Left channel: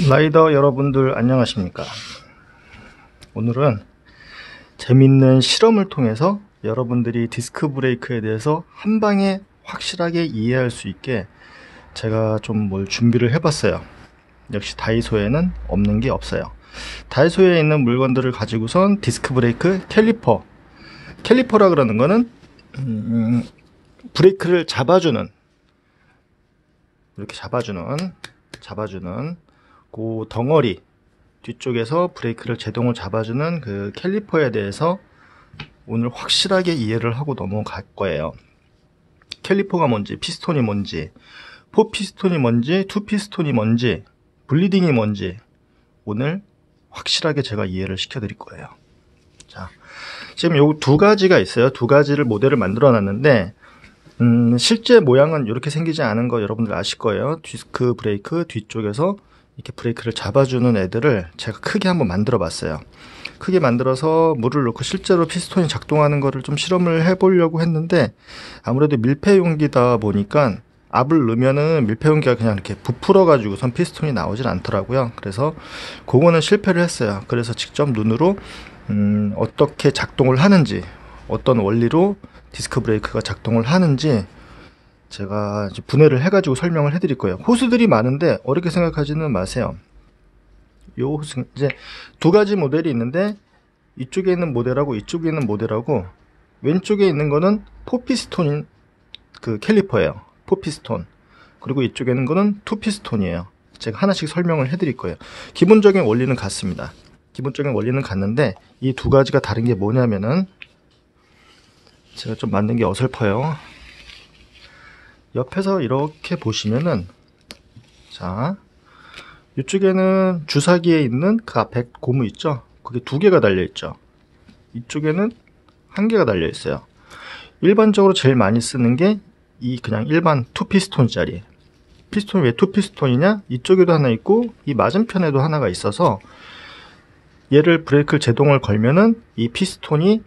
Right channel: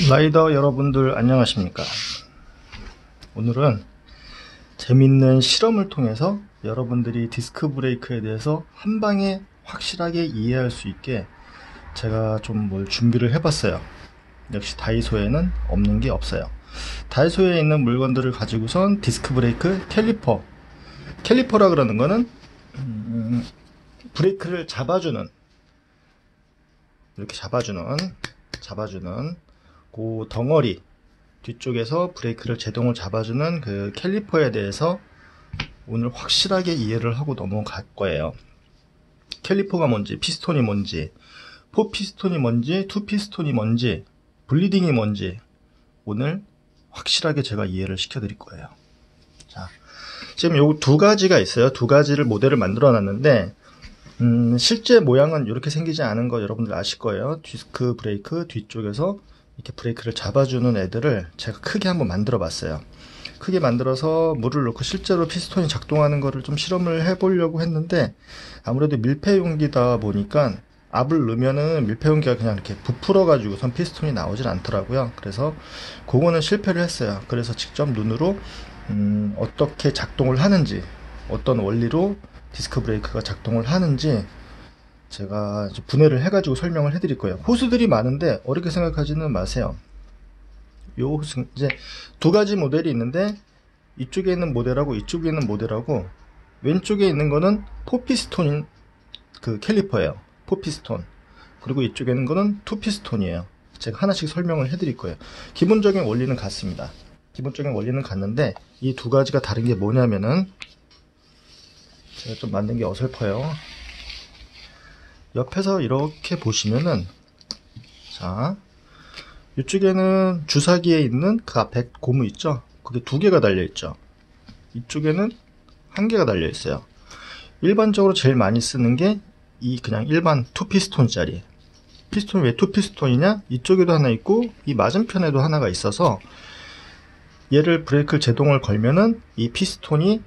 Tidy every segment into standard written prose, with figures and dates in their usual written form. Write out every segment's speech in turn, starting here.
라이더 여러분들 안녕하십니까. 오늘은 재밌는 실험을 통해서 여러분들이 디스크 브레이크에 대해서 한 방에 확실하게 이해할 수 있게 제가 좀 뭘 준비를 해봤어요. 역시 다이소에는 없는 게 없어요. 다이소에 있는 물건들을 가지고선 디스크 브레이크 캘리퍼라 그러는 거는 브레이크를 잡아주는, 이렇게 잡아주는 그 덩어리 뒤쪽에서 브레이크를 제동을 잡아주는 그 캘리퍼에 대해서 오늘 확실하게 이해를 하고 넘어갈 거예요. 캘리퍼가 뭔지, 피스톤이 뭔지, 4피스톤이 뭔지, 2피스톤이 뭔지, 블리딩이 뭔지 오늘 확실하게 제가 이해를 시켜 드릴 거예요. 자, 지금 요 두 가지가 있어요. 두 가지를 모델을 만들어 놨는데 실제 모양은 이렇게 생기지 않은 거 여러분들 아실 거예요. 디스크 브레이크 뒤쪽에서 이렇게 브레이크를 잡아주는 애들을 제가 크게 한번 만들어 봤어요. 크게 만들어서 물을 넣고 실제로 피스톤이 작동하는 거를 좀 실험을 해 보려고 했는데, 아무래도 밀폐 용기다 보니까 압을 넣으면은 밀폐 용기가 그냥 이렇게 부풀어 가지고선 피스톤이 나오질 않더라고요. 그래서 그거는 실패를 했어요. 그래서 직접 눈으로 어떻게 작동을 하는지, 어떤 원리로 디스크 브레이크가 작동을 하는지 제가 분해를 해가지고 설명을 해드릴 거예요. 호스들이 많은데 어렵게 생각하지는 마세요. 요 호스, 이제 두 가지 모델이 있는데, 이쪽에 있는 모델하고 이쪽에 있는 모델하고, 왼쪽에 있는 거는 4피스톤인 그 캘리퍼예요. 4피스톤. 그리고 이쪽에 있는 거는 2피스톤이에요. 제가 하나씩 설명을 해드릴 거예요. 기본적인 원리는 같습니다. 기본적인 원리는 같는데 이 두 가지가 다른 게 뭐냐면은, 제가 좀 만든 게 어설퍼요. 옆에서 이렇게 보시면은, 자, 이쪽에는 주사기에 있는 그 앞에 고무 있죠? 그게 두 개가 달려 있죠. 이쪽에는 한 개가 달려 있어요. 일반적으로 제일 많이 쓰는 게 이 그냥 일반 2피스톤짜리. 피스톤이 왜 2피스톤이냐? 이쪽에도 하나 있고 이 맞은편에도 하나가 있어서, 얘를 브레이크를 제동을 걸면은 이 피스톤이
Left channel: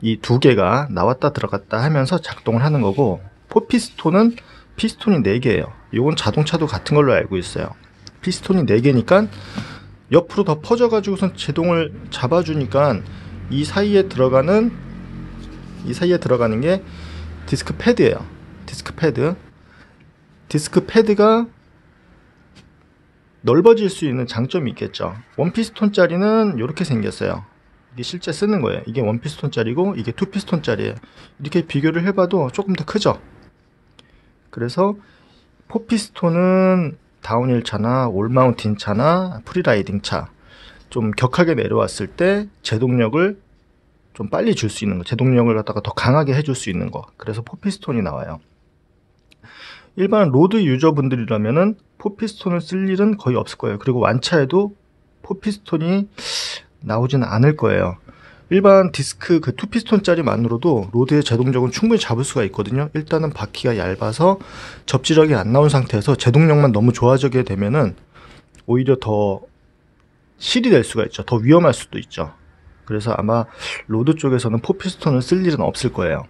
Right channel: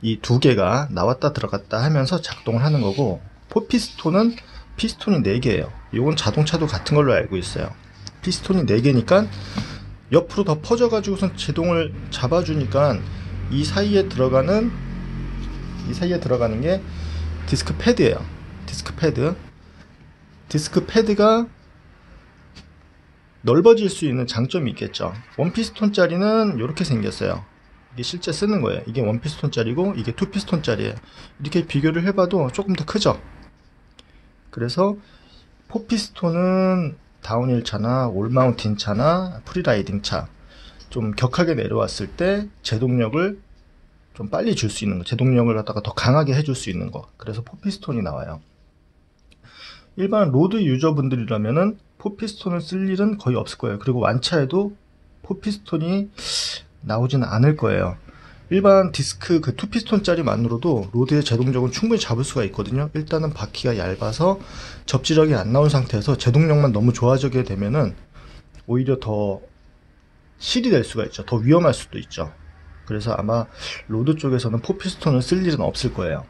이 두 개가 나왔다 들어갔다 하면서 작동을 하는 거고, 4피스톤은 피스톤이 4개예요. 이건 자동차도 같은 걸로 알고 있어요. 피스톤이 4개니까 옆으로 더 퍼져 가지고선 제동을 잡아주니까 이 사이에 들어가는 게 디스크 패드예요. 디스크 패드가 넓어질 수 있는 장점이 있겠죠. 원피스톤짜리는 이렇게 생겼어요. 이게 실제 쓰는 거예요. 이게 원피스톤짜리고 이게 투피스톤짜리예요. 이렇게 비교를 해봐도 조금 더 크죠. 그래서 4피스톤은 다운힐 차나 올마운틴 차나 프리라이딩 차, 좀 격하게 내려왔을 때 제동력을 좀 빨리 줄 수 있는 거, 제동력을 갖다가 더 강하게 해줄 수 있는 거. 그래서 4피스톤이 나와요. 일반 로드 유저분들이라면은 4피스톤을 쓸 일은 거의 없을 거예요. 그리고 완차에도 4피스톤이 나오지는 않을 거예요. 일반 디스크 그 2피스톤짜리만으로도 로드의 제동력은 충분히 잡을 수가 있거든요. 일단은 바퀴가 얇아서 접지력이 안 나온 상태에서 제동력만 너무 좋아지게 되면은 오히려 더 실이 될 수가 있죠. 더 위험할 수도 있죠. 그래서 아마 로드 쪽에서는 4피스톤을 쓸 일은 없을 거예요.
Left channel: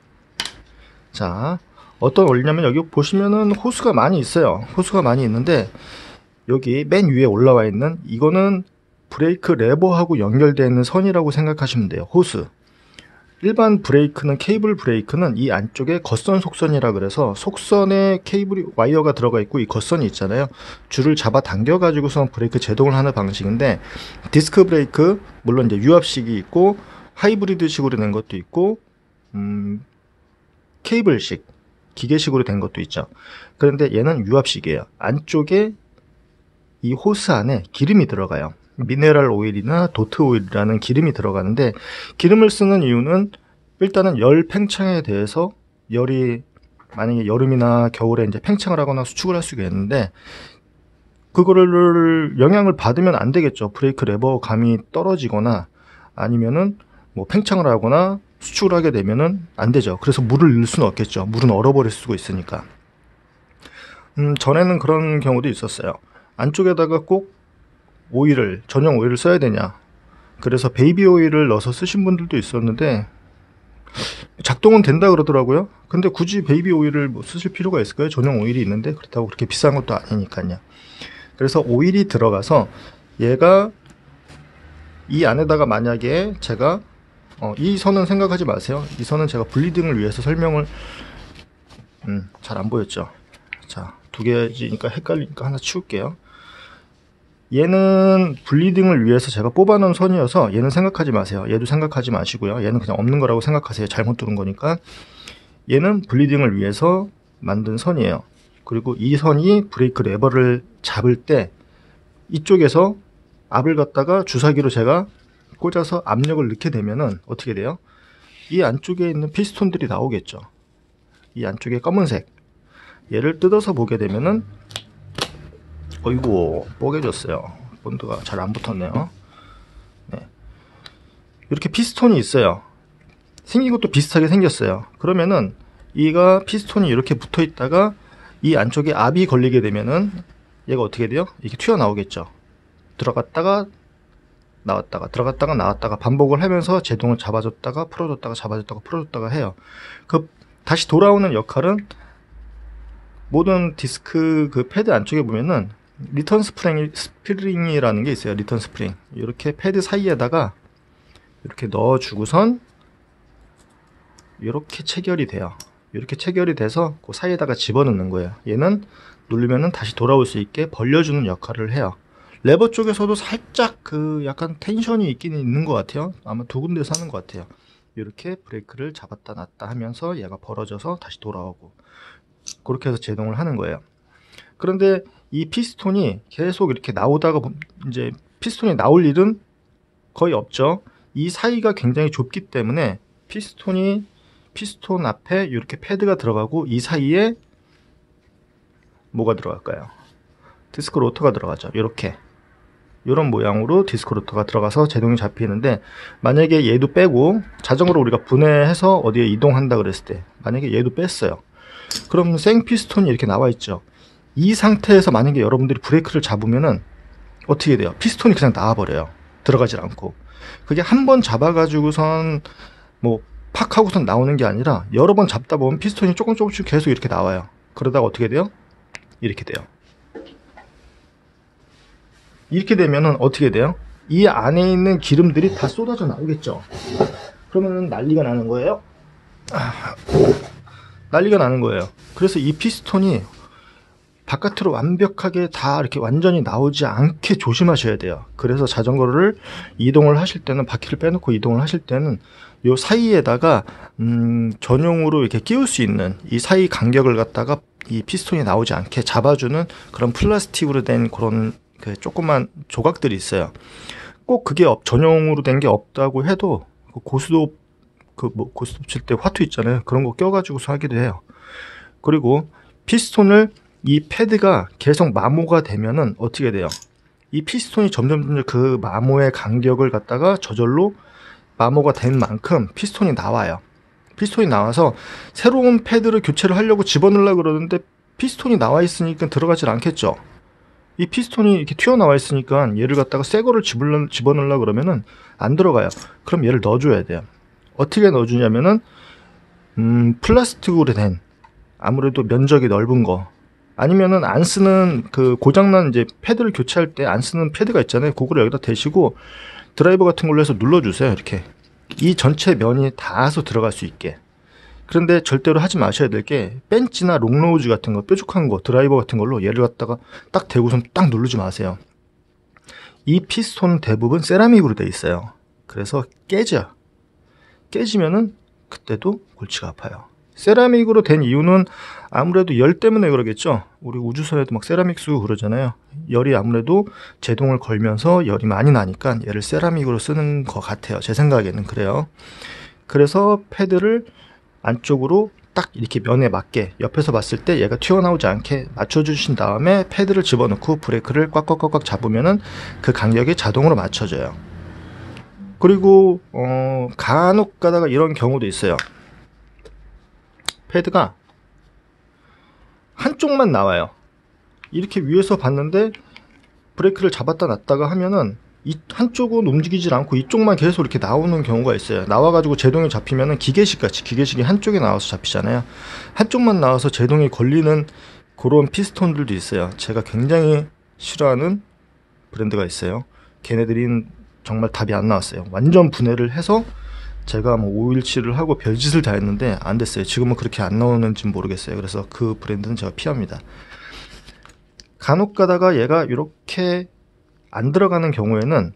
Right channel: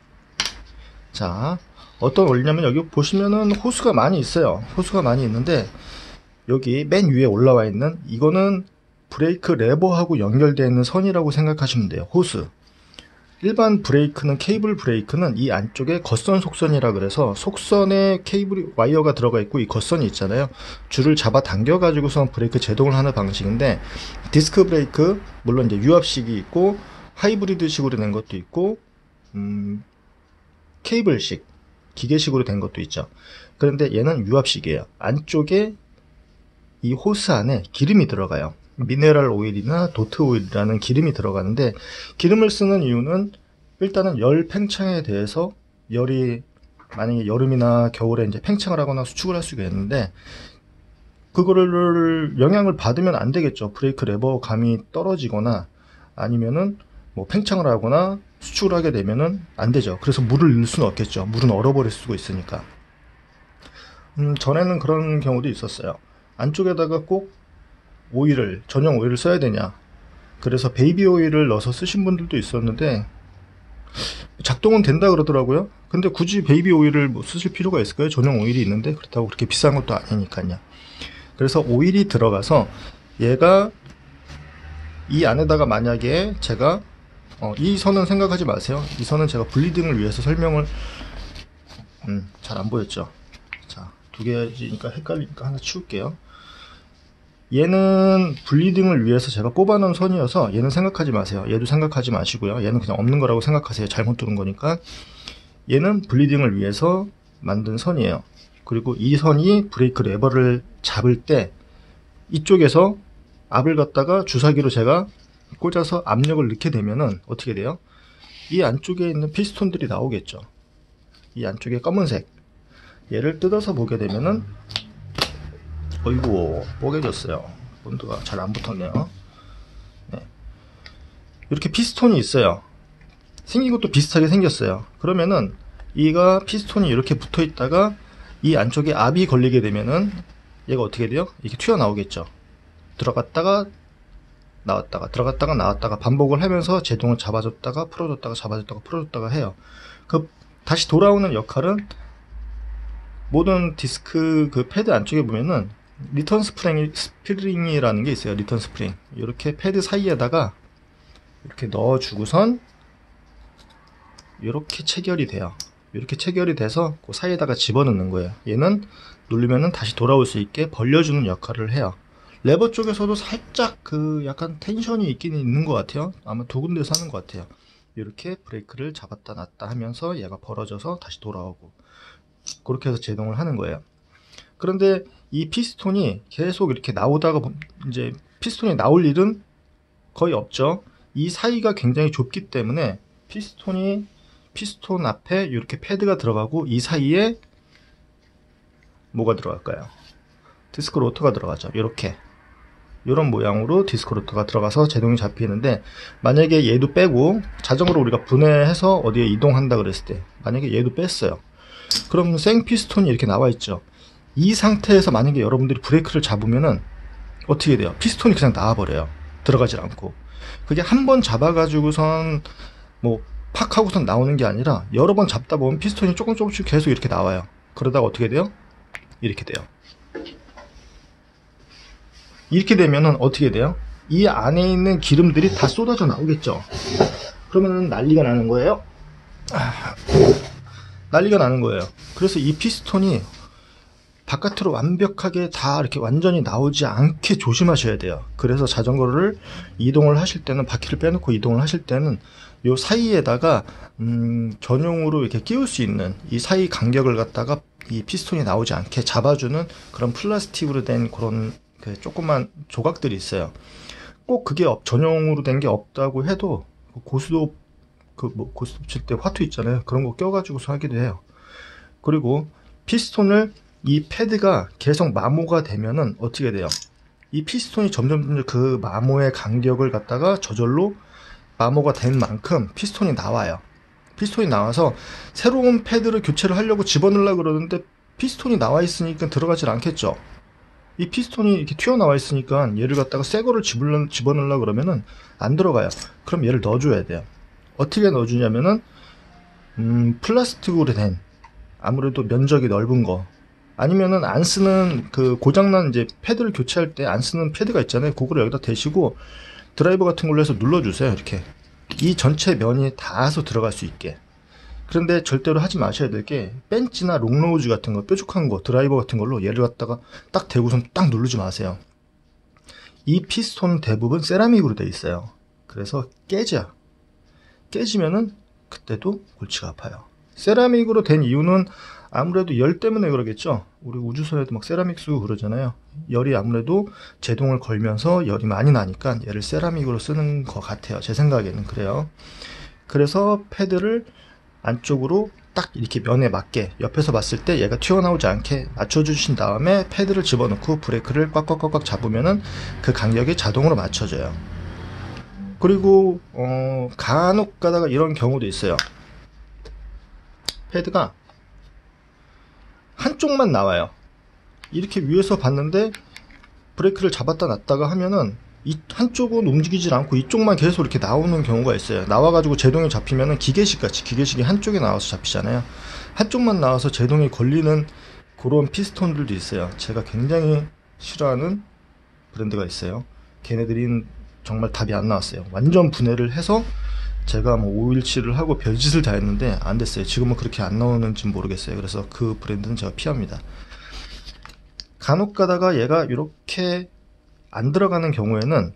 자, 어떤 원리냐면, 여기 보시면은 호스가 많이 있어요. 호스가 많이 있는데, 여기 맨 위에 올라와 있는 이거는 브레이크 레버하고 연결되어 있는 선이라고 생각하시면 돼요. 호스. 일반 브레이크는, 케이블 브레이크는 이 안쪽에 겉선 속선이라 그래서 속선에 케이블이, 와이어가 들어가 있고 이 겉선이 있잖아요. 줄을 잡아 당겨 가지고서 브레이크 제동을 하는 방식인데, 디스크 브레이크 물론 이제 유압식이 있고 하이브리드식으로 된 것도 있고 케이블식, 기계식으로 된 것도 있죠. 그런데 얘는 유압식이에요. 안쪽에 이 호스 안에 기름이 들어가요. 미네랄 오일이나 도트 오일이라는 기름이 들어가는데, 기름을 쓰는 이유는 일단은 열 팽창에 대해서, 열이 만약에 여름이나 겨울에 이제 팽창을 하거나 수축을 할 수가 있는데, 그거를 영향을 받으면 안 되겠죠. 브레이크 레버 감이 떨어지거나 아니면은 뭐 팽창을 하거나 수축을 하게 되면은 안 되죠. 그래서 물을 넣을 수는 없겠죠. 물은 얼어버릴 수가 있으니까. 전에는 그런 경우도 있었어요. 안쪽에다가 꼭 오일을, 전용 오일을 써야 되냐, 그래서 베이비 오일을 넣어서 쓰신 분들도 있었는데, 작동은 된다 그러더라고요. 근데 굳이 베이비 오일을 뭐 쓰실 필요가 있을까요? 전용 오일이 있는데, 그렇다고 그렇게 비싼 것도 아니니까요. 그래서 오일이 들어가서 얘가 이 안에다가 만약에 제가 이 선은 생각하지 마세요. 이 선은 제가 블리딩을 위해서 설명을 잘 안 보였죠. 자, 두 개지니까 헷갈리니까 하나 치울게요. 얘는 블리딩을 위해서 제가 뽑아 놓은 선이어서 얘는 생각하지 마세요. 얘도 생각하지 마시고요. 얘는 그냥 없는 거라고 생각하세요. 잘못 들은 거니까. 얘는 블리딩을 위해서 만든 선이에요. 그리고 이 선이 브레이크 레버를 잡을 때 이쪽에서 압을 갖다가 주사기로 제가 꽂아서 압력을 넣게 되면은 어떻게 돼요? 이 안쪽에 있는 피스톤들이 나오겠죠. 이 안쪽에 검은색, 얘를 뜯어서 보게 되면은 어이구 뽀개졌어요. 본드가 잘 안 붙었네요. 네. 이렇게 피스톤이 있어요. 생긴 것도 비슷하게 생겼어요. 그러면은 이가 피스톤이 이렇게 붙어 있다가 이 안쪽에 압이 걸리게 되면은 얘가 어떻게 돼요? 이게 튀어나오겠죠. 들어갔다가 나왔다가 들어갔다가 나왔다가 반복을 하면서 제동을 잡아줬다가 풀어줬다가 잡아줬다가 풀어줬다가 해요. 그 다시 돌아오는 역할은 모든 디스크 그 패드 안쪽에 보면은 리턴 스프링이라는 게 있어요. 리턴 스프링. 이렇게 패드 사이에다가 이렇게 넣어주고선 이렇게 체결이 돼요. 이렇게 체결이 돼서 그 사이에다가 집어넣는 거예요. 얘는 누르면은 다시 돌아올 수 있게 벌려주는 역할을 해요. 레버 쪽에서도 살짝 그 약간 텐션이 있긴 있는 것 같아요. 아마 두 군데서 하는 것 같아요. 이렇게 브레이크를 잡았다 놨다 하면서 얘가 벌어져서 다시 돌아오고 그렇게 해서 제동을 하는 거예요. 그런데 이 피스톤이 계속 이렇게 나오다가 이제 피스톤이 나올 일은 거의 없죠. 이 사이가 굉장히 좁기 때문에 피스톤 앞에 이렇게 패드가 들어가고 이 사이에 뭐가 들어갈까요? 디스크 로터가 들어가죠. 이렇게 이런 모양으로 디스크 로터가 들어가서 제동이 잡히는데, 만약에 얘도 빼고 자전거를 우리가 분해해서 어디에 이동한다 그랬을 때 만약에 얘도 뺐어요. 그럼 생 피스톤이 이렇게 나와 있죠. 이 상태에서 만약에 여러분들이 브레이크를 잡으면은 어떻게 돼요? 피스톤이 그냥 나와버려요. 들어가질 않고. 그게 한 번 잡아가지고선 뭐 팍 하고선 나오는 게 아니라 여러 번 잡다 보면 피스톤이 조금씩 계속 이렇게 나와요. 그러다가 어떻게 돼요? 이렇게 돼요. 이렇게 되면은 어떻게 돼요? 이 안에 있는 기름들이 다 쏟아져 나오겠죠. 그러면은 난리가 나는 거예요. 난리가 나는 거예요. 그래서 이 피스톤이 바깥으로 완벽하게 다 이렇게 완전히 나오지 않게 조심하셔야 돼요. 그래서 자전거를 이동을 하실 때는, 바퀴를 빼놓고 이동을 하실 때는 요 사이에다가 전용으로 이렇게 끼울 수 있는 이 사이 간격을 갖다가 이 피스톤이 나오지 않게 잡아주는 그런 플라스틱으로 된 그런 그 조그만 조각들이 있어요. 꼭 그게 전용으로 된 게 없다고 해도 고스톱 고스톱 칠 때 화투 있잖아요. 그런 거 껴가지고서 하기도 해요. 그리고 피스톤을 이 패드가 계속 마모가 되면은 어떻게 돼요? 이 피스톤이 점점 그 마모의 간격을 갖다가 저절로 마모가 된 만큼 피스톤이 나와요. 피스톤이 나와서 새로운 패드를 교체를 하려고 집어넣으려고 그러는데 피스톤이 나와 있으니까 들어가질 않겠죠. 이 피스톤이 이렇게 튀어나와 있으니까 얘를 갖다가 새 거를 집어넣으려고 그러면은 안 들어가요. 그럼 얘를 넣어줘야 돼요. 어떻게 넣어주냐면은 플라스틱으로 된, 아무래도 면적이 넓은 거, 아니면은 안 쓰는 그 고장난 이제 패드를 교체할 때 안 쓰는 패드가 있잖아요. 그거를 여기다 대시고 드라이버 같은 걸로 해서 눌러주세요. 이렇게 이 전체 면이 닿아서 들어갈 수 있게. 그런데 절대로 하지 마셔야 될 게, 벤치나 롱노우즈 같은 거, 뾰족한 거, 드라이버 같은 걸로 얘를 갖다가 딱 대고선 딱 누르지 마세요. 이 피스톤 대부분 세라믹으로 돼 있어요. 그래서 깨지면은 그때도 골치가 아파요. 세라믹으로 된 이유는 아무래도 열 때문에 그러겠죠. 우리 우주선에도 막 세라믹 쓰고 그러잖아요. 열이 아무래도 제동을 걸면서 열이 많이 나니까 얘를 세라믹으로 쓰는 것 같아요. 제 생각에는 그래요. 그래서 패드를 안쪽으로 딱 이렇게 면에 맞게 옆에서 봤을 때 얘가 튀어나오지 않게 맞춰주신 다음에 패드를 집어넣고 브레이크를 꽉꽉꽉꽉 잡으면은 그 간격이 자동으로 맞춰져요. 그리고 간혹 가다가 이런 경우도 있어요. 패드가 한쪽만 나와요. 이렇게 위에서 봤는데 브레이크를 잡았다 놨다가 하면은 이 한쪽은 움직이질 않고 이쪽만 계속 이렇게 나오는 경우가 있어요. 나와가지고 제동이 잡히면은 기계식 기계식이 한쪽에 나와서 잡히잖아요. 한쪽만 나와서 제동이 걸리는 그런 피스톤들도 있어요. 제가 굉장히 싫어하는 브랜드가 있어요. 걔네들은 정말 답이 안 나왔어요. 완전 분해를 해서 제가 뭐 오일칠을 하고 별짓을 다 했는데 안 됐어요. 지금은 그렇게 안 나오는지 모르겠어요. 그래서 그 브랜드는 제가 피합니다. 간혹 가다가 얘가 이렇게 안 들어가는 경우에는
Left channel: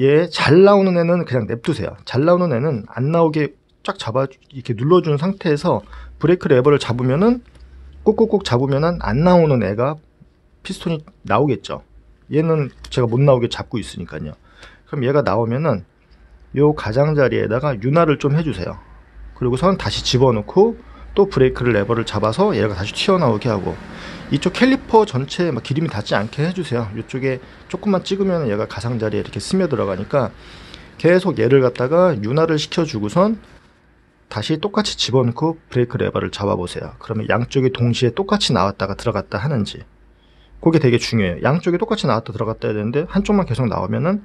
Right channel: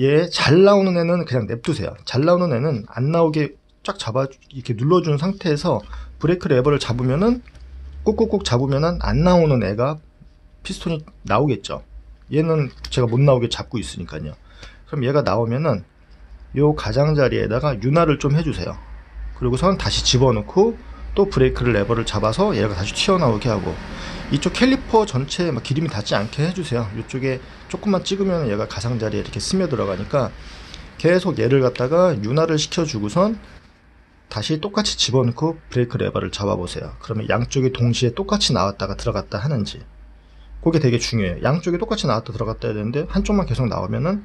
얘 잘 나오는 애는 그냥 냅두세요. 잘 나오는 애는 안 나오게 쫙 잡아 이렇게 눌러준 상태에서 브레이크 레버를 잡으면은 꾹꾹꾹 잡으면은 안 나오는 애가 피스톤이 나오겠죠. 얘는 제가 못 나오게 잡고 있으니까요. 그럼 얘가 나오면은 요 가장자리에다가 윤활을 좀 해주세요. 그리고선 다시 집어넣고 또 브레이크를 레버를 잡아서 얘가 다시 튀어나오게 하고, 이쪽 캘리퍼 전체에 막 기름이 닿지 않게 해주세요. 이쪽에 조금만 찍으면 얘가 가장자리에 이렇게 스며들어가니까 계속 얘를 갖다가 윤활을 시켜주고선 다시 똑같이 집어넣고 브레이크 레버를 잡아보세요. 그러면 양쪽이 동시에 똑같이 나왔다가 들어갔다 하는지, 그게 되게 중요해요. 양쪽이 똑같이 나왔다 들어갔다 해야 되는데 한쪽만 계속 나오면은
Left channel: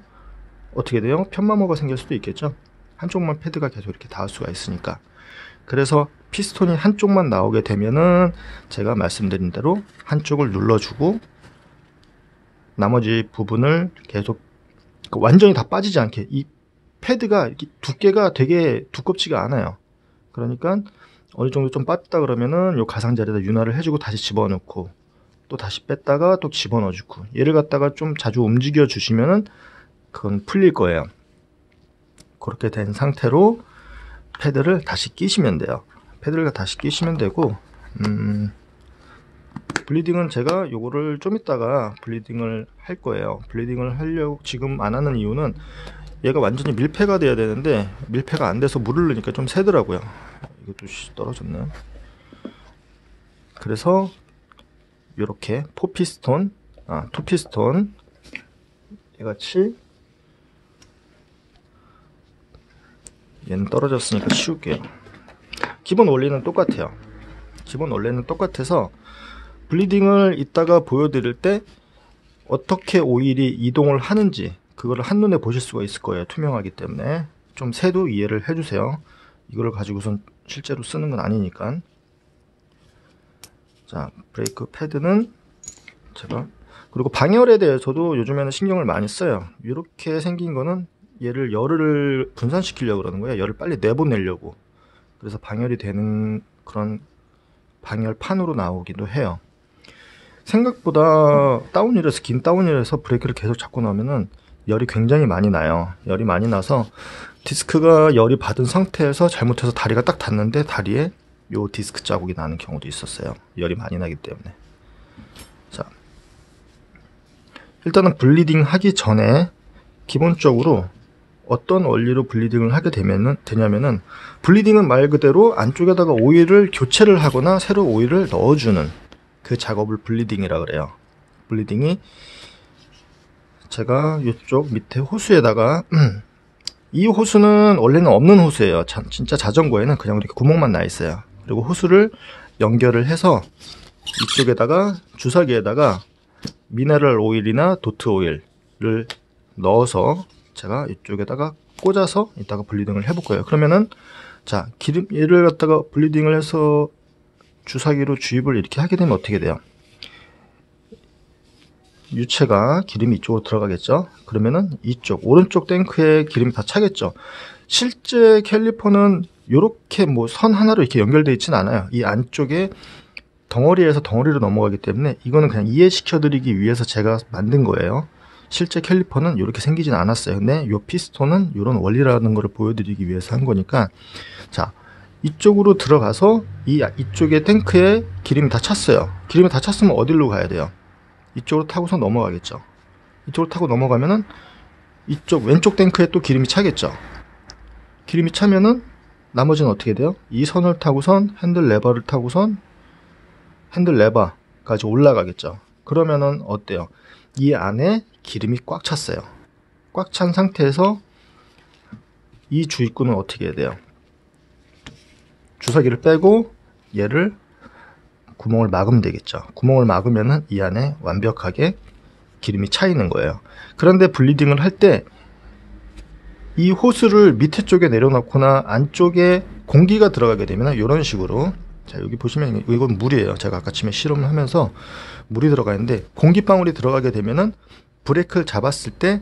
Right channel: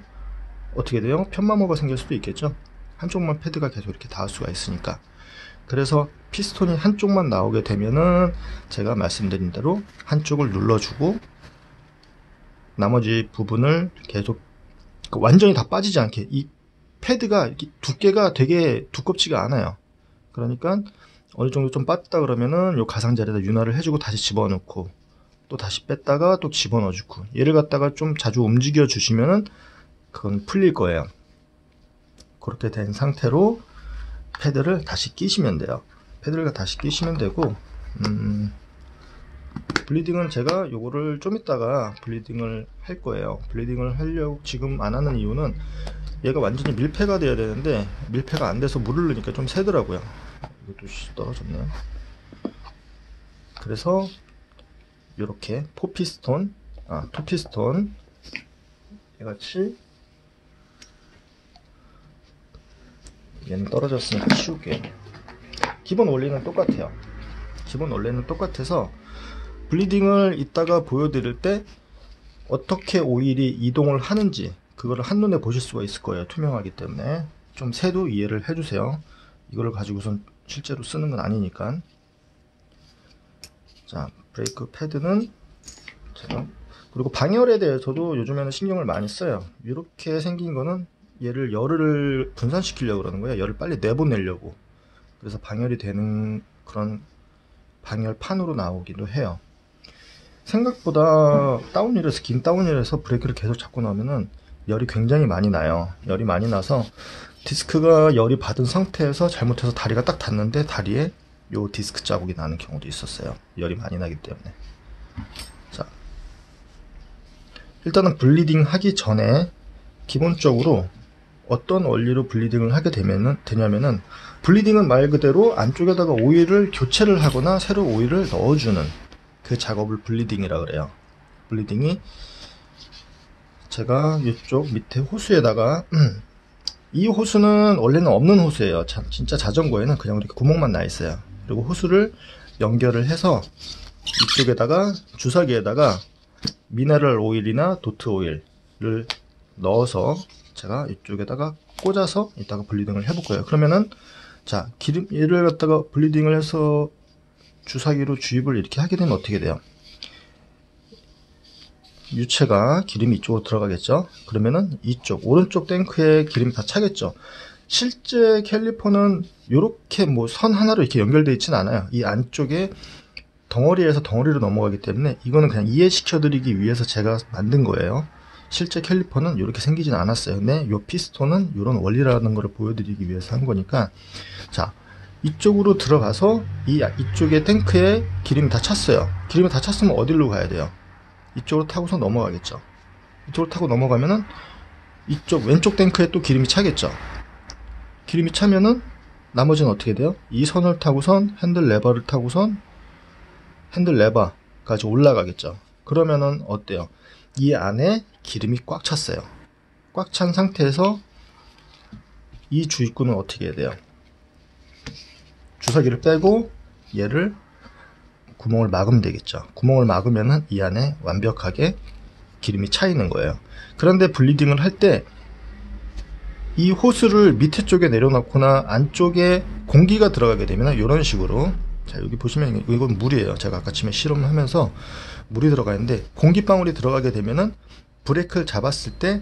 어떻게 돼요? 편마모가 생길 수도 있겠죠. 한쪽만 패드가 계속 이렇게 닿을 수가 있으니까. 그래서 피스톤이 한쪽만 나오게 되면은 제가 말씀드린 대로 한쪽을 눌러주고 나머지 부분을 계속 완전히 다 빠지지 않게, 이 패드가 두께가 되게 두껍지가 않아요. 그러니까 어느 정도 좀 빠졌다 그러면은 요 가상자리에다 윤활을 해주고 다시 집어넣고 또 다시 뺐다가 또 집어넣어주고, 얘를 갖다가 좀 자주 움직여 주시면은 그건 풀릴 거예요. 그렇게 된 상태로 패드를 다시 끼시면 돼요. 패드를 다시 끼시면 되고, 블리딩은 제가 요거를 좀 이따가 블리딩을 할 거예요. 블리딩을 하려고 지금 안 하는 이유는 얘가 완전히 밀폐가 돼야 되는데 밀폐가 안 돼서 물을 넣으니까 좀 새더라고요. 이것도 떨어졌네요. 그래서 요렇게 토피스톤 얘같이, 얘는 떨어졌으니까 치울게요. 기본 원리는 똑같아요. 기본 원리는 똑같아서 블리딩을 이따가 보여드릴 때 어떻게 오일이 이동을 하는지 그거를 한눈에 보실 수가 있을 거예요. 투명하기 때문에 좀 새도 이해를 해주세요. 이거를 가지고선 실제로 쓰는 건 아니니까. 자, 브레이크 패드는 제가, 그리고 방열에 대해서도 요즘에는 신경을 많이 써요. 이렇게 생긴 거는 얘를 열을 분산시키려고 그러는 거예요. 열을 빨리 내보내려고. 그래서 방열이 되는 그런 방열판으로 나오기도 해요. 생각보다 다운힐에서, 긴 다운힐에서 브레이크를 계속 잡고 나면은 열이 굉장히 많이 나요. 열이 많이 나서 디스크가 열이 받은 상태에서 잘못해서 다리가 딱 닿는데 다리에 요 디스크 자국이 나는 경우도 있었어요. 열이 많이 나기 때문에. 자, 일단은 블리딩 하기 전에 기본적으로 어떤 원리로 블리딩을 하게 되냐면은, 블리딩은 말 그대로 안쪽에다가 오일을 교체를 하거나 새로 오일을 넣어주는 그 작업을 블리딩이라 그래요. 블리딩이 제가 이쪽 밑에 호수에다가 이 호수는 원래는 없는 호수예요. 진짜 자전거에는 그냥 이렇게 구멍만 나 있어요. 그리고 호수를 연결을 해서 이쪽에다가 주사기에다가 미네랄 오일이나 도트 오일을 넣어서 제가 이쪽에다가 꽂아서 이따가 블리딩을 해볼 거예요. 그러면은, 자, 얘를 갖다가 블리딩을 해서 주사기로 주입을 이렇게 하게 되면 어떻게 돼요? 유체가 기름이 이쪽으로 들어가겠죠. 그러면은 이쪽 오른쪽 탱크에 기름이 다 차겠죠. 실제 캘리퍼는 이렇게 뭐 선 하나로 이렇게 연결되어 있진 않아요. 이 안쪽에 덩어리에서 덩어리로 넘어가기 때문에 이거는 그냥 이해시켜 드리기 위해서 제가 만든 거예요. 실제 캘리퍼는 이렇게 생기진 않았어요. 근데 이 피스톤은 이런 원리라는 것을 보여드리기 위해서 한 거니까, 자, 이쪽으로 들어가서 이쪽에 탱크에 기름이 다 찼어요. 기름이 다 찼으면 어디로 가야 돼요? 이쪽으로 타고서 넘어가겠죠. 이쪽으로 타고 넘어가면은 이쪽 왼쪽 탱크에 또 기름이 차겠죠. 기름이 차면은 나머지는 어떻게 돼요? 이 선을 타고선 핸들 레버를 타고선 핸들 레버까지 올라가겠죠. 그러면은 어때요? 이 안에 기름이 꽉 찼어요. 꽉 찬 상태에서 이 주입구는 어떻게 해야 돼요? 주사기를 빼고 얘를 구멍을 막으면 되겠죠. 구멍을 막으면은 이 안에 완벽하게 기름이 차 있는 거예요. 그런데 블리딩을 할 때 이 호스를 밑에 쪽에 내려놓거나 안쪽에 공기가 들어가게 되면 이런 식으로, 자, 여기 보시면 이건 물이에요. 제가 아까 처음에 실험을 하면서 물이 들어가 있는데, 공기방울이 들어가게 되면은 브레이크를 잡았을 때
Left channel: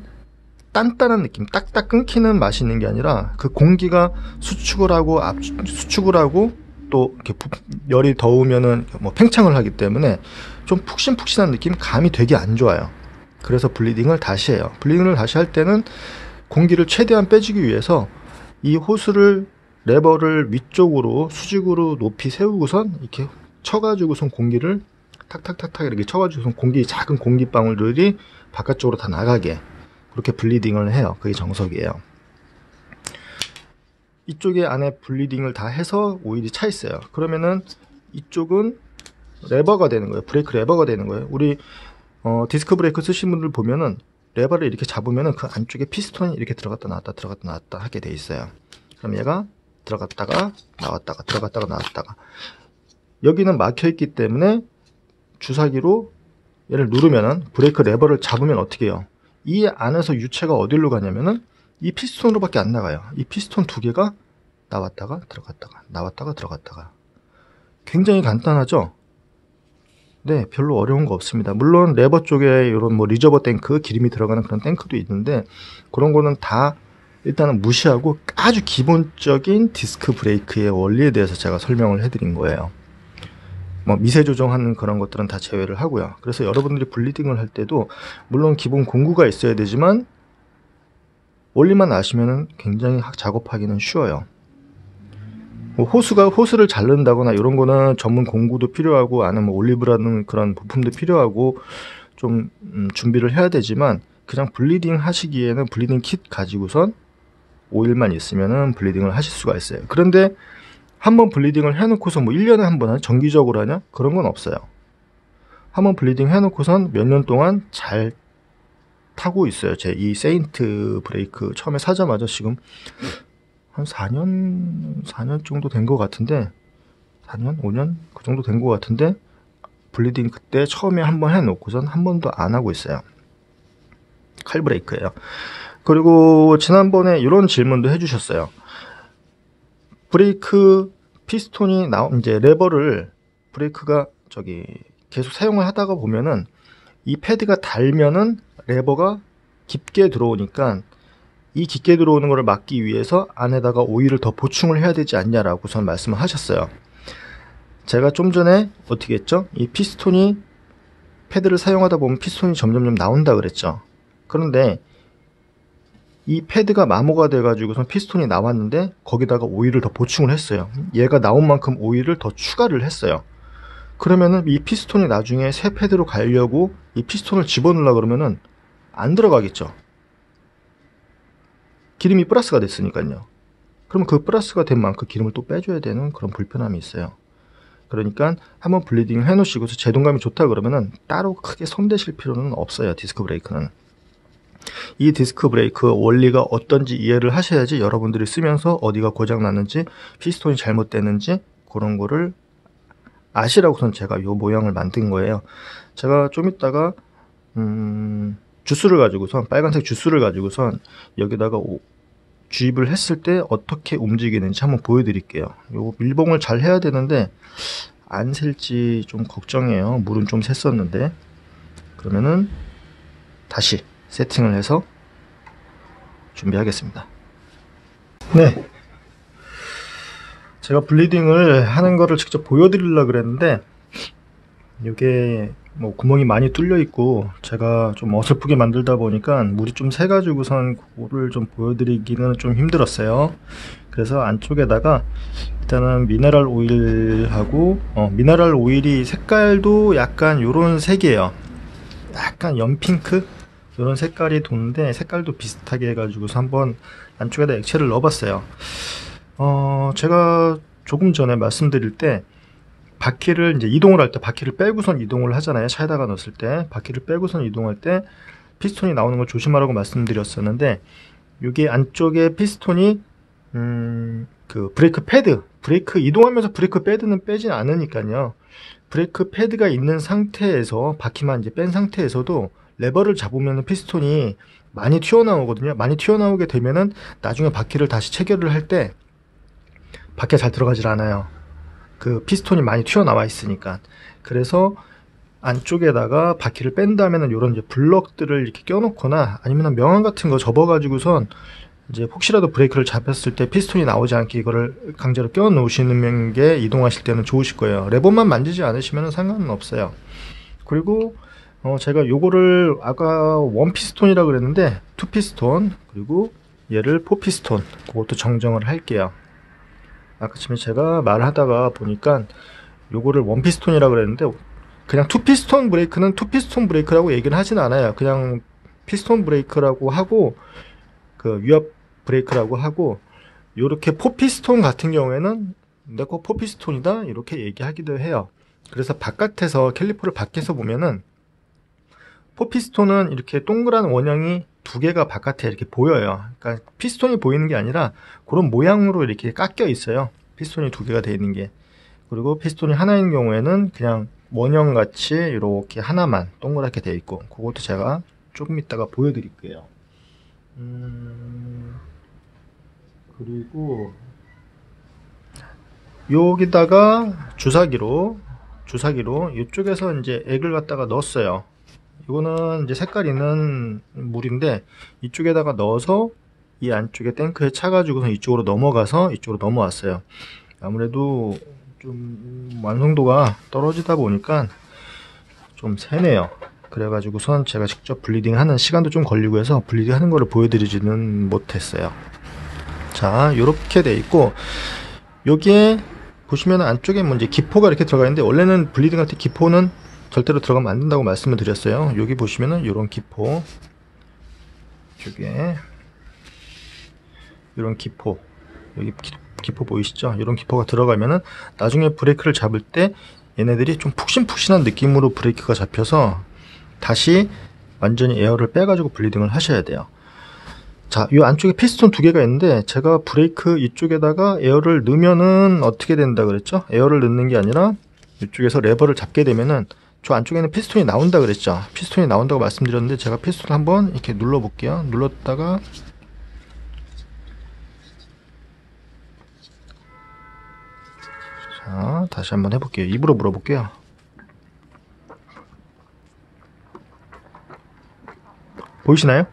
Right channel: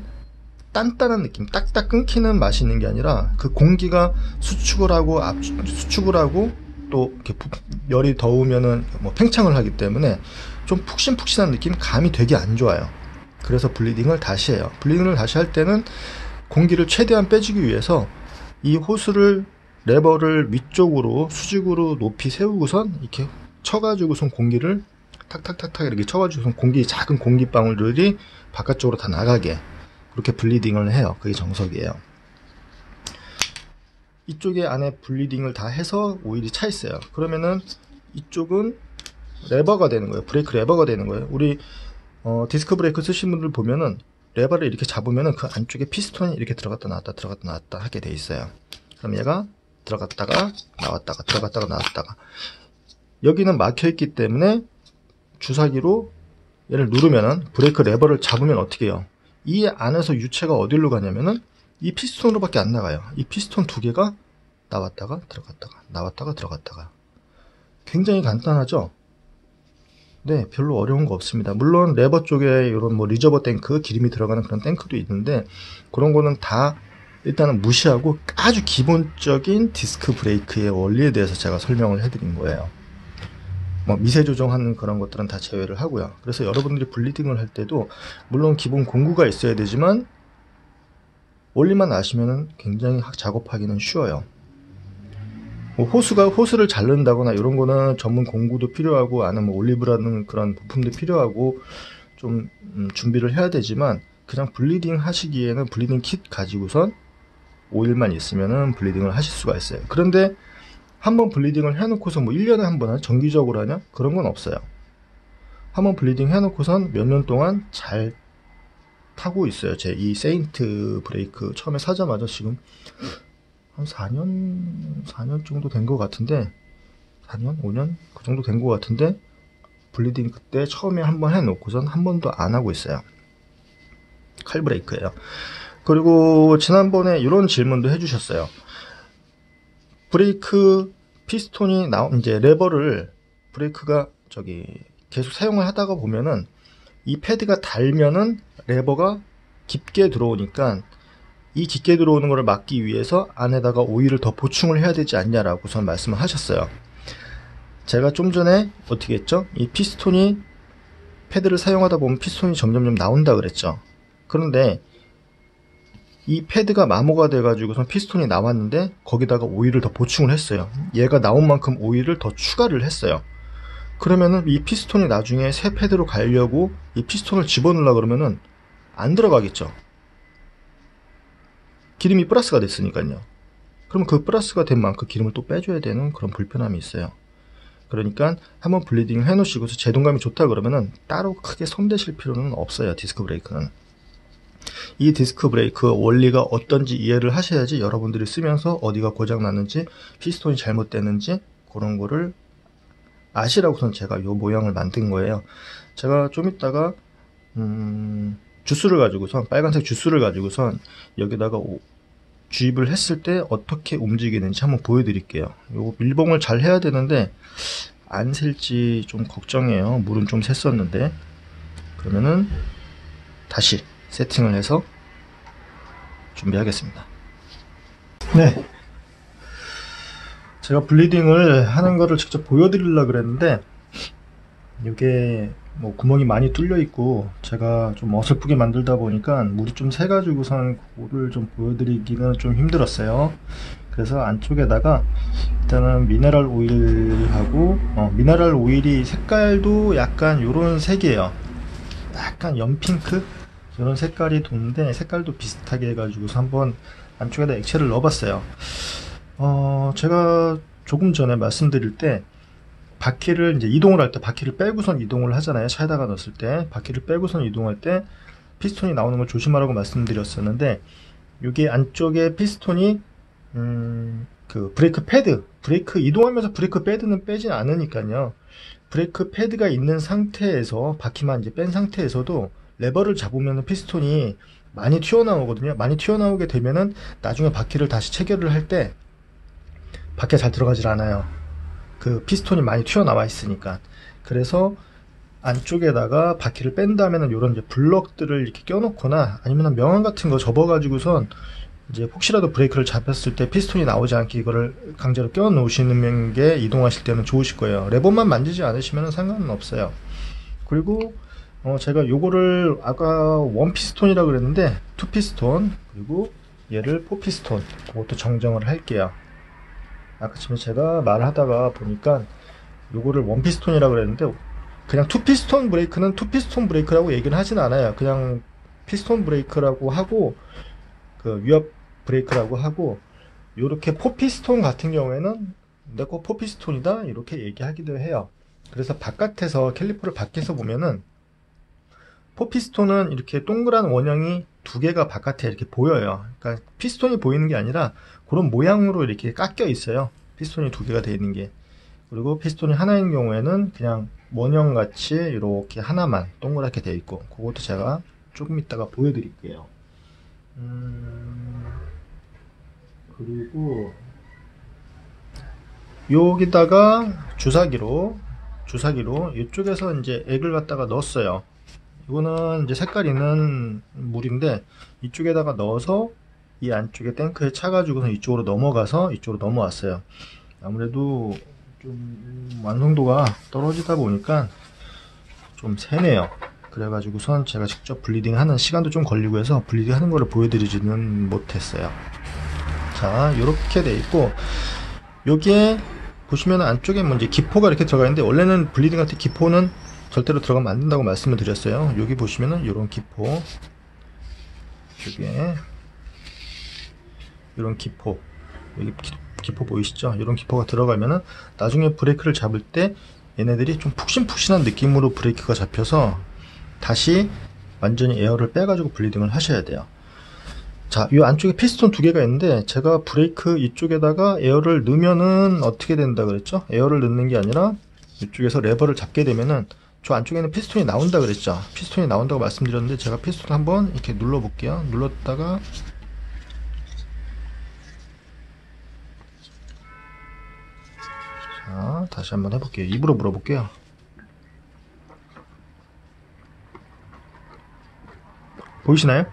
단단한 느낌, 딱딱 끊기는 맛이 있는 게 아니라 그 공기가 수축을 하고 또 이렇게 열이 더우면은 뭐 팽창을 하기 때문에 좀 푹신푹신한 느낌, 감이 되게 안 좋아요. 그래서 블리딩을 다시 해요. 블리딩을 다시 할 때는 공기를 최대한 빼주기 위해서 이 호스를, 레버를 위쪽으로 수직으로 높이 세우고선 이렇게 쳐가지고선 공기를 탁탁탁탁 이렇게 쳐가지고선 작은 공기방울들이 바깥쪽으로 다 나가게, 그렇게 블리딩을 해요. 그게 정석이에요. 이쪽에 안에 블리딩을 다 해서 오일이 차 있어요. 그러면은 이쪽은 레버가 되는 거예요. 브레이크 레버가 되는 거예요. 우리 디스크 브레이크 쓰신 분들 보면은 레버를 이렇게 잡으면은 그 안쪽에 피스톤이 이렇게 들어갔다 나왔다 하게 돼 있어요. 그럼 얘가 들어갔다가 나왔다가 들어갔다가 나왔다가, 여기는 막혀 있기 때문에 주사기로 얘를 누르면은, 브레이크 레버를 잡으면 어떻게 해요? 이 안에서 유체가 어디로 가냐면은 이 피스톤으로밖에 안 나가요. 이 피스톤 두 개가 나왔다가 들어갔다가 나왔다가 들어갔다가. 굉장히 간단하죠? 네, 별로 어려운 거 없습니다. 물론 레버 쪽에 이런 뭐 리저버 탱크, 기름이 들어가는 그런 탱크도 있는데, 그런 거는 다 일단은 무시하고 아주 기본적인 디스크 브레이크의 원리에 대해서 제가 설명을 해드린 거예요. 뭐 미세 조정하는 그런 것들은 다 제외를 하고요. 그래서 여러분들이 블리딩을 할 때도 물론 기본 공구가 있어야 되지만 원리만 아시면은 굉장히 작업하기는 쉬워요. 뭐 호스를 자른다거나 이런 거는 전문 공구도 필요하고, 안에 뭐 올리브라는 그런 부품도 필요하고 좀 준비를 해야 되지만, 그냥 블리딩 하시기에는 블리딩 킷 가지고선 오일만 있으면은 블리딩을 하실 수가 있어요. 그런데 한번 블리딩을 해놓고서 뭐 1년에 한 번 정기적으로 하냐? 그런 건 없어요. 한번 블리딩 해놓고선 몇 년 동안 잘 타고 있어요. 제 이 세인트 브레이크 처음에 사자마자 지금 한 4년 정도 된 것 같은데, 4년? 5년? 그 정도 된 것 같은데, 블리딩 그때 처음에 한번 해놓고선 한 번도 안 하고 있어요. 칼 브레이크예요. 그리고 지난번에 이런 질문도 해주셨어요. 브레이크 피스톤이 이제 레버를, 브레이크가 계속 사용을 하다가 보면은 이 패드가 닳으면은 레버가 깊게 들어오니까, 이 깊게 들어오는 것을 막기 위해서 안에다가 오일을 더 보충을 해야 되지 않냐라고 선 말씀을 하셨어요. 제가 좀 전에 어떻게 했죠? 이 피스톤이, 패드를 사용하다 보면 피스톤이 점점점 나온다 그랬죠. 그런데 이 패드가 마모가 돼가지고선 피스톤이 나왔는데 거기다가 오일을 더 보충을 했어요. 얘가 나온 만큼 오일을 더 추가를 했어요. 그러면은 이 피스톤이 나중에 새 패드로 가려고 이 피스톤을 집어넣으려고 그러면은 안 들어가겠죠. 기름이 플러스가 됐으니까요. 그럼 그 플러스가 된 만큼 기름을 또 빼줘야 되는 그런 불편함이 있어요. 그러니까 한번 블리딩을 해놓으시고서 제동감이 좋다 그러면은 따로 크게 손대실 필요는 없어요. 디스크 브레이크는. 이 디스크 브레이크 원리가 어떤지 이해를 하셔야지 여러분들이 쓰면서 어디가 고장 났는지, 피스톤이 잘못됐는지 그런 거를 아시라고선 제가 이 모양을 만든 거예요. 제가 좀 이따가 주스를 가지고선, 빨간색 주스를 가지고선 여기다가 주입을 했을 때 어떻게 움직이는지 한번 보여드릴게요. 요거 밀봉을 잘 해야 되는데 안 셀지 좀 걱정이에요. 물은 좀 샜었는데. 그러면은 다시 세팅을 해서 준비하겠습니다. 네, 제가 블리딩을 하는 거를 직접 보여드리려고 그랬는데, 이게 뭐 구멍이 많이 뚫려 있고 제가 좀 어설프게 만들다 보니까 물이 좀 새 가지고선 그거를 좀 보여드리기는 좀 힘들었어요. 그래서 안쪽에다가 일단은 미네랄 오일하고, 미네랄 오일이 색깔도 약간 요런 색이에요. 약간 연핑크 이런 색깔이 도는데, 색깔도 비슷하게 해가지고서 한번 안쪽에다 액체를 넣어봤어요. 제가 조금 전에 말씀드릴 때 바퀴를 이제 이동을 할 때 바퀴를 빼고선 이동을 하잖아요. 차에다가 넣었을 때 바퀴를 빼고선 이동할 때 피스톤이 나오는 걸 조심하라고 말씀드렸었는데, 여기 안쪽에 피스톤이 그 브레이크 패드, 브레이크 이동하면서 브레이크 패드는 빼지 않으니까요. 브레이크 패드가 있는 상태에서 바퀴만 이제 뺀 상태에서도 레버를 잡으면 피스톤이 많이 튀어나오거든요. 많이 튀어나오게 되면은 나중에 바퀴를 다시 체결을 할 때 바퀴가 잘 들어가질 않아요. 그 피스톤이 많이 튀어나와 있으니까. 그래서 안쪽에다가 바퀴를 뺀 다음에는 이런 이제 블럭들을 이렇게 껴놓거나 아니면 명암 같은 거 접어가지고선 이제 혹시라도 브레이크를 잡혔을 때 피스톤이 나오지 않게 이거를 강제로 껴 놓으시는 게 이동하실 때는 좋으실 거예요. 레버만 만지지 않으시면 상관은 없어요. 그리고 제가 요거를 아까 원 피스톤이라고 그랬는데 투 피스톤, 그리고 얘를 포 피스톤, 그것도 정정을 할게요. 아까 전에 제가 말하다가 보니까 요거를 원 피스톤이라고 그랬는데 그냥 투 피스톤 브레이크는 투 피스톤 브레이크라고 얘기는 하진 않아요. 그냥 피스톤 브레이크라고 하고 그 위압 브레이크라고 하고, 요렇게 포 피스톤 같은 경우에는 내거 포 피스톤이다 이렇게 얘기하기도 해요. 그래서 바깥에서 캘리퍼를 밖에서 보면은 포 피스톤은 이렇게 동그란 원형이 두 개가 바깥에 이렇게 보여요. 그러니까 피스톤이 보이는 게 아니라 그런 모양으로 이렇게 깎여 있어요. 피스톤이 두 개가 되어 있는 게. 그리고 피스톤이 하나인 경우에는 그냥 원형 같이 이렇게 하나만 동그랗게 되어 있고, 그것도 제가 조금 이따가 보여드릴게요. 그리고 여기다가 주사기로 이쪽에서 이제 액을 갖다가 넣었어요. 이거는 이제 색깔 있는 물인데 이쪽에다가 넣어서 이 안쪽에 탱크에 차가지고서 이쪽으로 넘어가서 이쪽으로 넘어왔어요. 아무래도 좀 완성도가 떨어지다 보니까 좀 세네요. 그래가지고선 제가 직접 블리딩 하는 시간도 좀 걸리고 해서 블리딩 하는 거를 보여드리지는 못했어요. 자, 요렇게 돼 있고, 여기에 보시면 안쪽에 뭐 이제 기포가 이렇게 들어가 있는데, 원래는 블리딩 할 때 기포는 절대로 들어가면 안 된다고 말씀을 드렸어요. 여기 보시면은 요런 기포, 여기에 요런 기포, 여기 기포 보이시죠? 이런 기포가 들어가면은 나중에 브레이크를 잡을 때 얘네들이 좀 푹신푹신한 느낌으로 브레이크가 잡혀서 다시 완전히 에어를 빼가지고 블리딩을 하셔야 돼요. 자, 이 안쪽에 피스톤 두 개가 있는데 제가 브레이크 이쪽에다가 에어를 넣으면은 어떻게 된다 그랬죠? 에어를 넣는 게 아니라 이쪽에서 레버를 잡게 되면은 저 안쪽에는 피스톤이 나온다 그랬죠? 피스톤이 나온다고 말씀드렸는데 제가 피스톤 한번 이렇게 눌러 볼게요. 눌렀다가 자, 다시 한번 해볼게요. 입으로 물어볼게요. 보이시나요?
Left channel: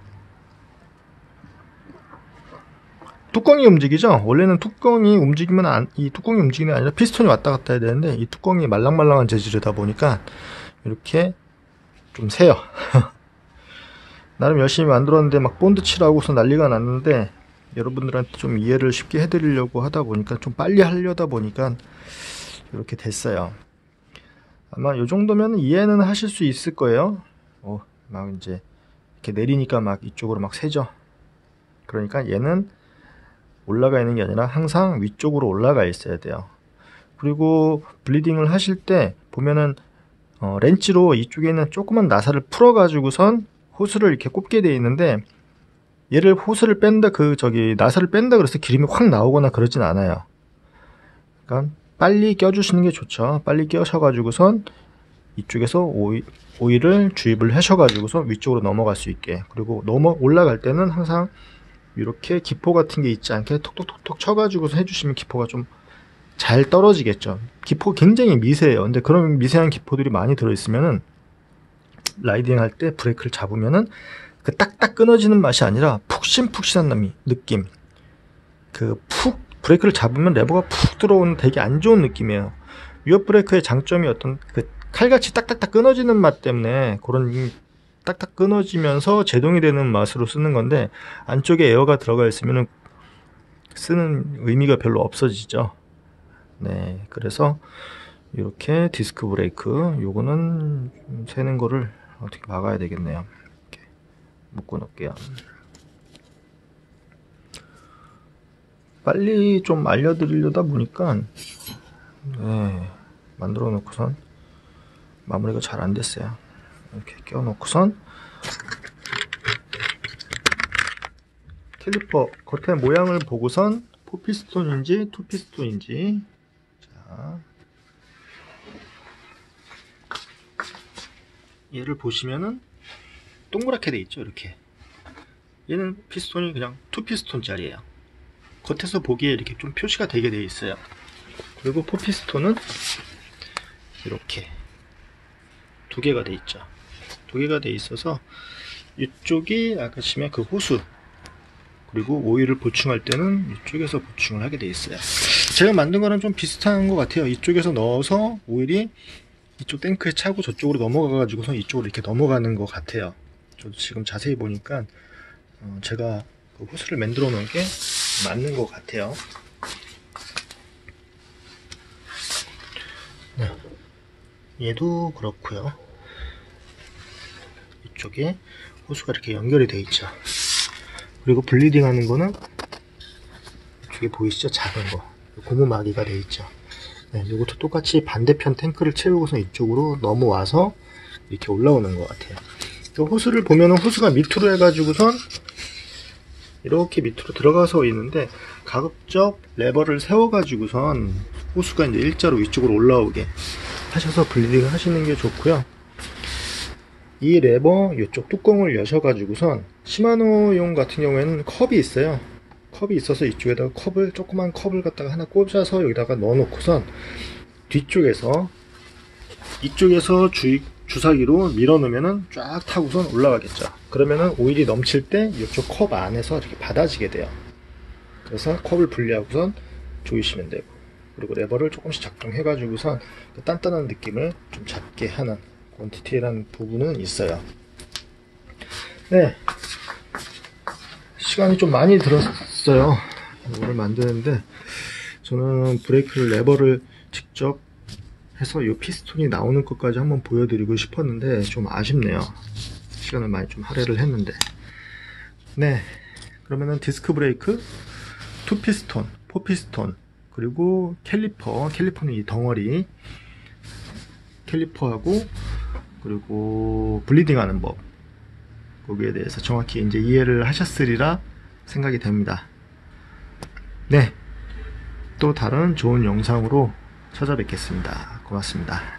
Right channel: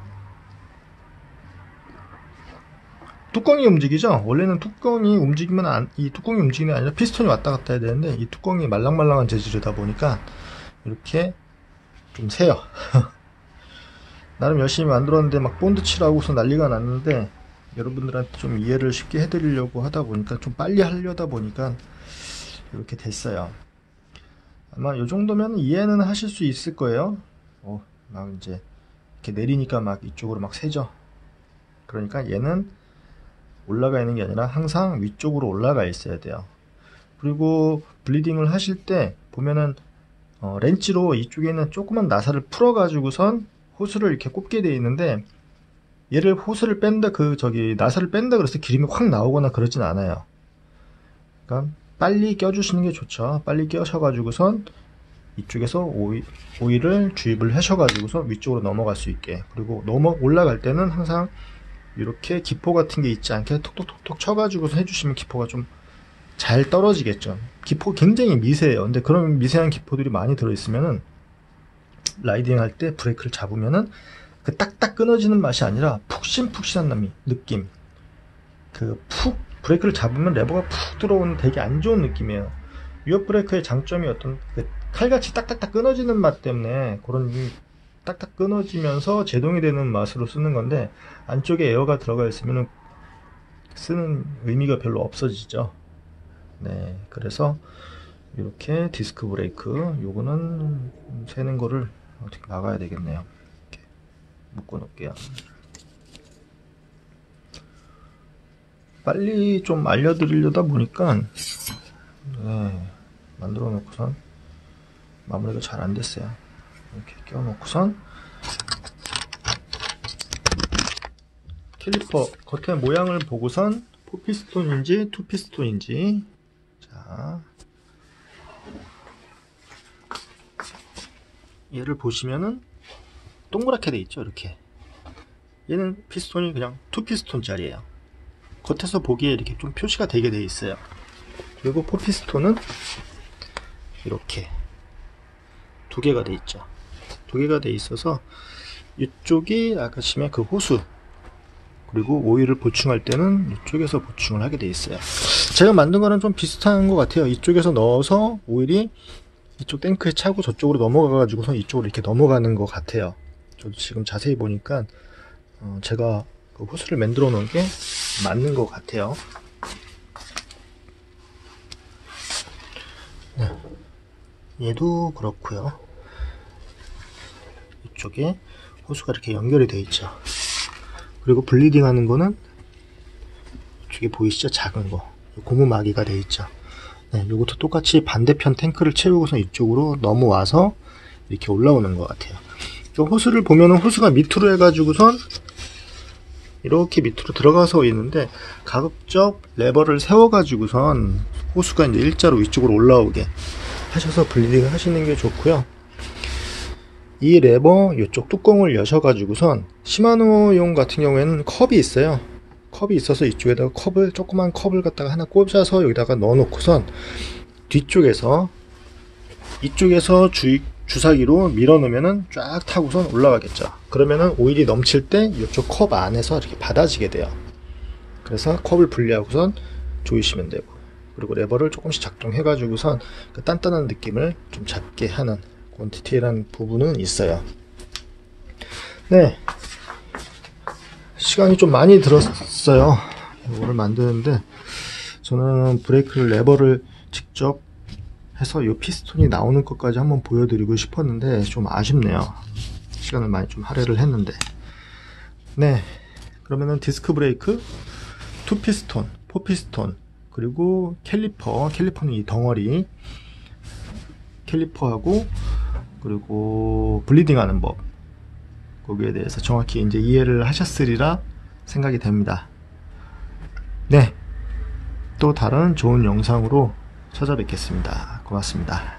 뚜껑이 움직이죠? 원래는 뚜껑이 움직이면 이 뚜껑이 움직이는 게 아니라 피스톤이 왔다 갔다 해야 되는데 이 뚜껑이 말랑말랑한 재질이다 보니까 이렇게 좀 새요. 나름 열심히 만들었는데 막 본드 칠하고서 난리가 났는데 여러분들한테 좀 이해를 쉽게 해드리려고 하다 보니까 좀 빨리 하려다 보니까 이렇게 됐어요. 아마 이 정도면 이해는 하실 수 있을 거예요. 막 이제 이렇게 내리니까 막 이쪽으로 막 새죠. 그러니까 얘는 올라가 있는 게 아니라 항상 위쪽으로 올라가 있어야 돼요. 그리고 블리딩을 하실 때 보면은 렌치로 이쪽에 있는 조그만 나사를 풀어 가지고선 호스를 이렇게 꼽게 되어 있는데, 얘를 호스를 뺀다 나사를 뺀다 그래서 기름이 확 나오거나 그러진 않아요. 그러니까 빨리 껴주시는 게 좋죠. 빨리 껴셔가지고선 이쪽에서 오일을 주입을 하셔가지고서 위쪽으로 넘어갈 수 있게. 그리고 올라갈 때는 항상 이렇게 기포 같은 게 있지 않게 톡톡톡톡 쳐가지고서 해주시면 기포가 좀 잘 떨어지겠죠. 기포 굉장히 미세해요. 근데 그런 미세한 기포들이 많이 들어있으면은 라이딩 할 때 브레이크를 잡으면은 그 딱딱 끊어지는 맛이 아니라 푹신푹신한 느낌. 브레이크를 잡으면 레버가 푹 들어오는 되게 안 좋은 느낌이에요. 위협 브레이크의 장점이 어떤 칼같이 딱딱딱 끊어지는 맛 때문에 그런 딱딱 끊어지면서 제동이 되는 맛으로 쓰는 건데, 안쪽에 에어가 들어가 있으면 쓰는 의미가 별로 없어지죠. 네, 그래서 이렇게 디스크 브레이크 요거는 새는 거를 어떻게 막아야 되겠네요. 이렇게 묶어 놓을게요. 빨리 좀 알려드리려다 보니까 만들어 놓고선 마무리가 잘 안 됐어요. 이렇게 껴 놓고선 캘리퍼 겉에 모양을 보고선 포피스톤인지 투피스톤인지, 자, 얘를 보시면은 동그랗게 돼 있죠. 이렇게 얘는 피스톤이 그냥 투피스톤 짜리예요. 겉에서 보기에 이렇게 좀 표시가 되게 돼 있어요. 그리고 포피스톤은 이렇게 두 개가 돼 있죠. 두 개가 돼 있어서 이쪽이 아까 보시면 그 호수, 그리고 오일을 보충할 때는 이쪽에서 보충을 하게 돼 있어요. 제가 만든 거는 좀 비슷한 것 같아요. 이쪽에서 넣어서 오일이 이쪽 탱크에 차고 저쪽으로 넘어가 가지고서 이쪽으로 이렇게 넘어가는 것 같아요. 저도 지금 자세히 보니까 제가 그 호스를 만들어 놓은 게 맞는 것 같아요. 네. 얘도 그렇고요. 이쪽에 호수가 이렇게 연결이 되어 있죠. 그리고 블리딩 하는 거는 이쪽에 보이시죠? 작은 거 고무막이가 되어 있죠. 네, 이것도 똑같이 반대편 탱크를 채우고서 이쪽으로 넘어와서 이렇게 올라오는 것 같아요. 이 호수를 보면은 호수가 밑으로 해가지고선 이렇게 밑으로 들어가서 있는데, 가급적 레버를 세워가지고선 호수가 이제 일자로 위쪽으로 올라오게 하셔서 블리딩을 하시는 게 좋고요. 이 레버 이쪽 뚜껑을 여셔가지고선 시마노용 같은 경우에는 컵이 있어요. 컵이 있어서 이쪽에다가 조그만 컵을 갖다가 하나 꽂아서 여기다가 넣어 놓고선 뒤쪽에서 이쪽에서 주사기로 밀어 넣으면은 쫙 타고선 올라가겠죠. 그러면은 오일이 넘칠 때 이쪽 컵 안에서 이렇게 받아지게 돼요. 그래서 컵을 분리하고선 조이시면 되고, 그리고 레버를 조금씩 작동해 가지고선 그 단단한 느낌을 좀 잡게 하는 그런 디테일한 부분은 있어요. 네, 시간이 좀 많이 들었어요. 이거를 만드는데, 저는 브레이크를 레버를 직접 해서 이 피스톤이 나오는 것까지 한번 보여드리고 싶었는데 좀 아쉽네요. 시간을 많이 좀 할애를 했는데. 네, 그러면은 디스크 브레이크, 2피스톤, 4피스톤, 그리고 캘리퍼는 이 덩어리 캘리퍼하고, 그리고 블리딩 하는 법, 거기에 대해서 정확히 이제 이해를 하셨으리라 생각이 됩니다. 네, 또 다른 좋은 영상으로 찾아뵙겠습니다. 고맙습니다.